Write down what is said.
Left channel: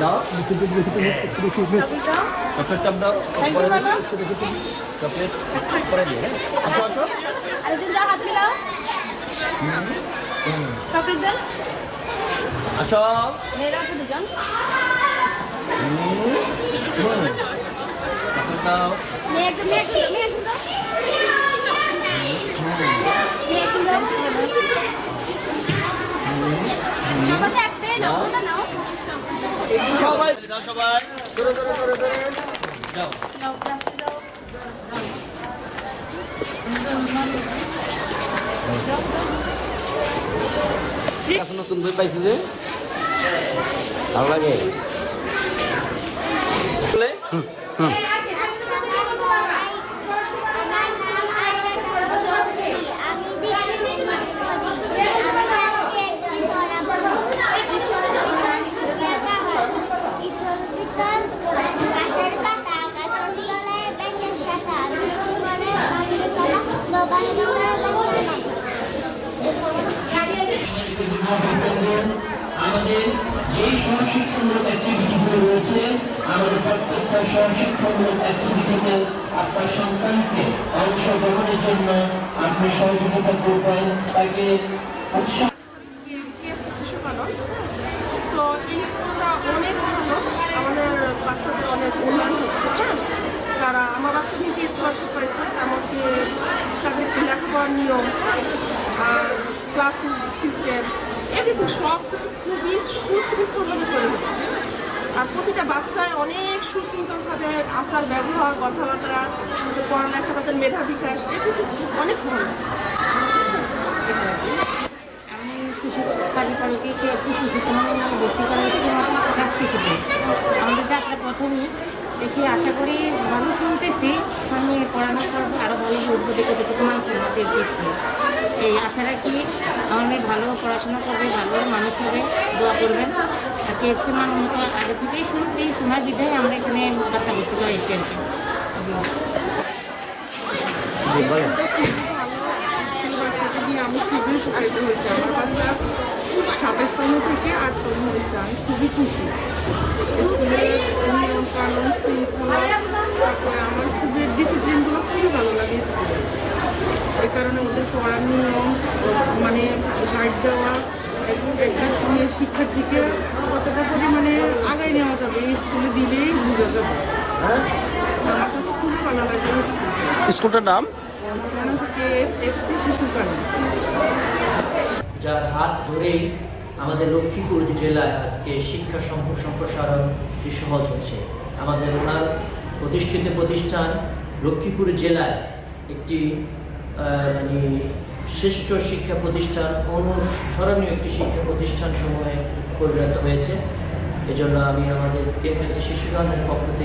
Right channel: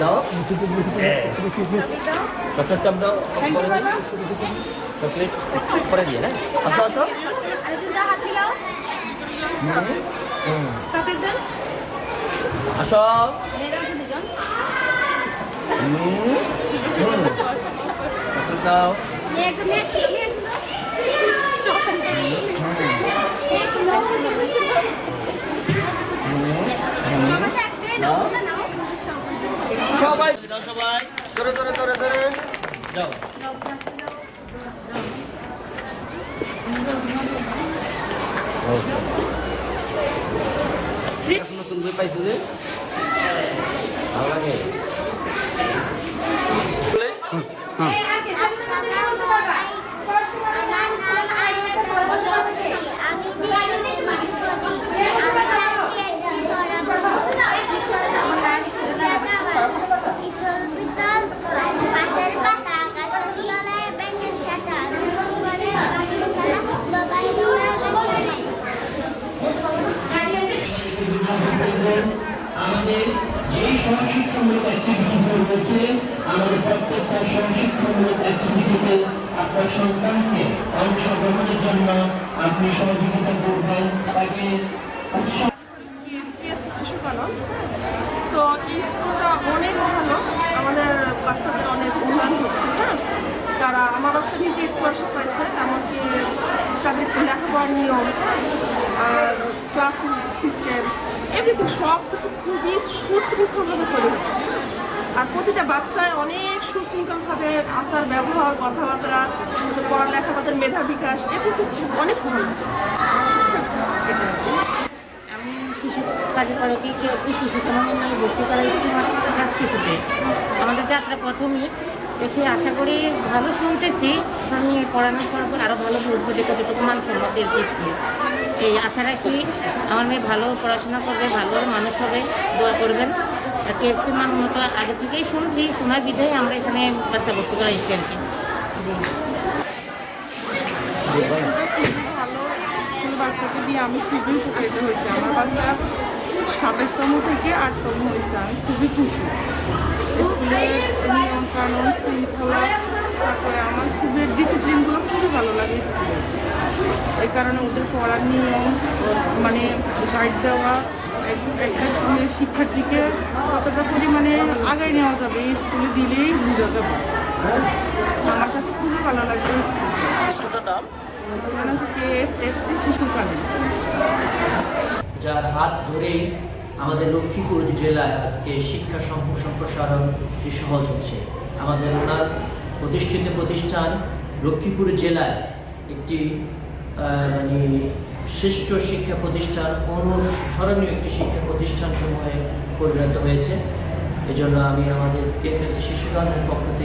দাও chocolate top দাও করে দিই চকলেট করে দিয়ে হ্যাঁ আসো আসো আসো চকলেট দাও সবাই দাও সবাই যাও নতুন বই পাইছি যে ভালো লাগে আমাদের যেই সংশিক্ষণমূলক অ্যাক্টিভিটিগুলো রয়েছে আমাদের প্রত্যেকটা সংশিক্ষণমূলক অ্যাক্টিভিটিতে আপনার সন্তানকে অংশগ্রহণের জন্য আপনি সহযোগিতা করবেন তাকে শিশু পালন। তো এই স্কুলটা অনেক ভালো, আমাদের বাচ্চাদের অনেক উন্নয়ন হচ্ছে। হ্যাঁ, তারা আমার বাচ্চা নিজে স্কলারশিপ পাইছে, এমনকি তাদের লেখাপড়ার নিয়ম আর ক্লাস সিস্টেম এভরিথিং সব কিছু খুবই সুশৃঙ্খলভাবে তৈরি হচ্ছে। আর প্রতিটা বাচ্চায় অনেক সুশৃঙ্খলভাবে আচার ব্যবহার কথাবার্তা, তাদের পড়ালেখা, তাদের মেধা বিকাশ এভরিথিং অনেক ভালো। আমি শিশু কালীপাড়কে একটি শিশু সমাজে নিয়ে ভর্তি করা হয়েছি মাত্র শিশুতে। আমাদের যাত্রা প্রথমেই দেখে আশা করি ভালো শুনতেছি, আমি পড়ানোর পর আরও ভালো বুঝবো যে কতটুকু মানসম্মত স্কুলে। এই আশা রাখি আমার মেয়ে ভালো পড়াশোনা করবে, ভালো মানুষ হবে, দোয়া করবেন। আর কেএফসি মান মতো আগে থেকেই শুনছি, শোনার বিধায় আমরা এখানে বাচ্চা ভর্তি করা এসেছি আর কি। খুবই ভালো স্কুল, বাচ্চাকে দিয়ে আমি খুবই উপকৃত হয়েছি। আমার বাচ্চা 27তম থেকে 8তম হয়েছে, আমি খুবই খুশি। স্কুলের নিয়ম কানুন শৃঙ্খলা, তারপরে আমার খুবই ডিসিপ্লিনগুলো খুবই ভালো লাগে স্কুলে। এই কারণে ওদের পড়ার নিয়ম মানে গাইড দেওয়া, একটা শিক্ষার্থীকে কতটা পরিমাণে আগায় নেওয়া যাবে এই স্কুলে দিলেই বোঝা যাবে। আমার কাছে খুবই ভালো লাগে স্কুলটার নাম কেএফসি শিশু কালী, যার হাত ধরেই আমাদের লক্ষ্মীপুর জেলায় আজকে শিক্ষা সম্প্রসারণ সহজ হচ্ছে। আমাদের ওনার প্রতিষ্ঠিত প্রতিষ্ঠান লক্ষ্মীপুর জেলায় একটি মানে শ্রেষ্ঠ শিক্ষা প্রতিষ্ঠান, অনুসরণীয় একটি শিক্ষা প্রতিষ্ঠান সমূহে পরিণত হয়েছে। এজন্য আমি আমাদের কেএফসি শিশু গানের পক্ষ থেকে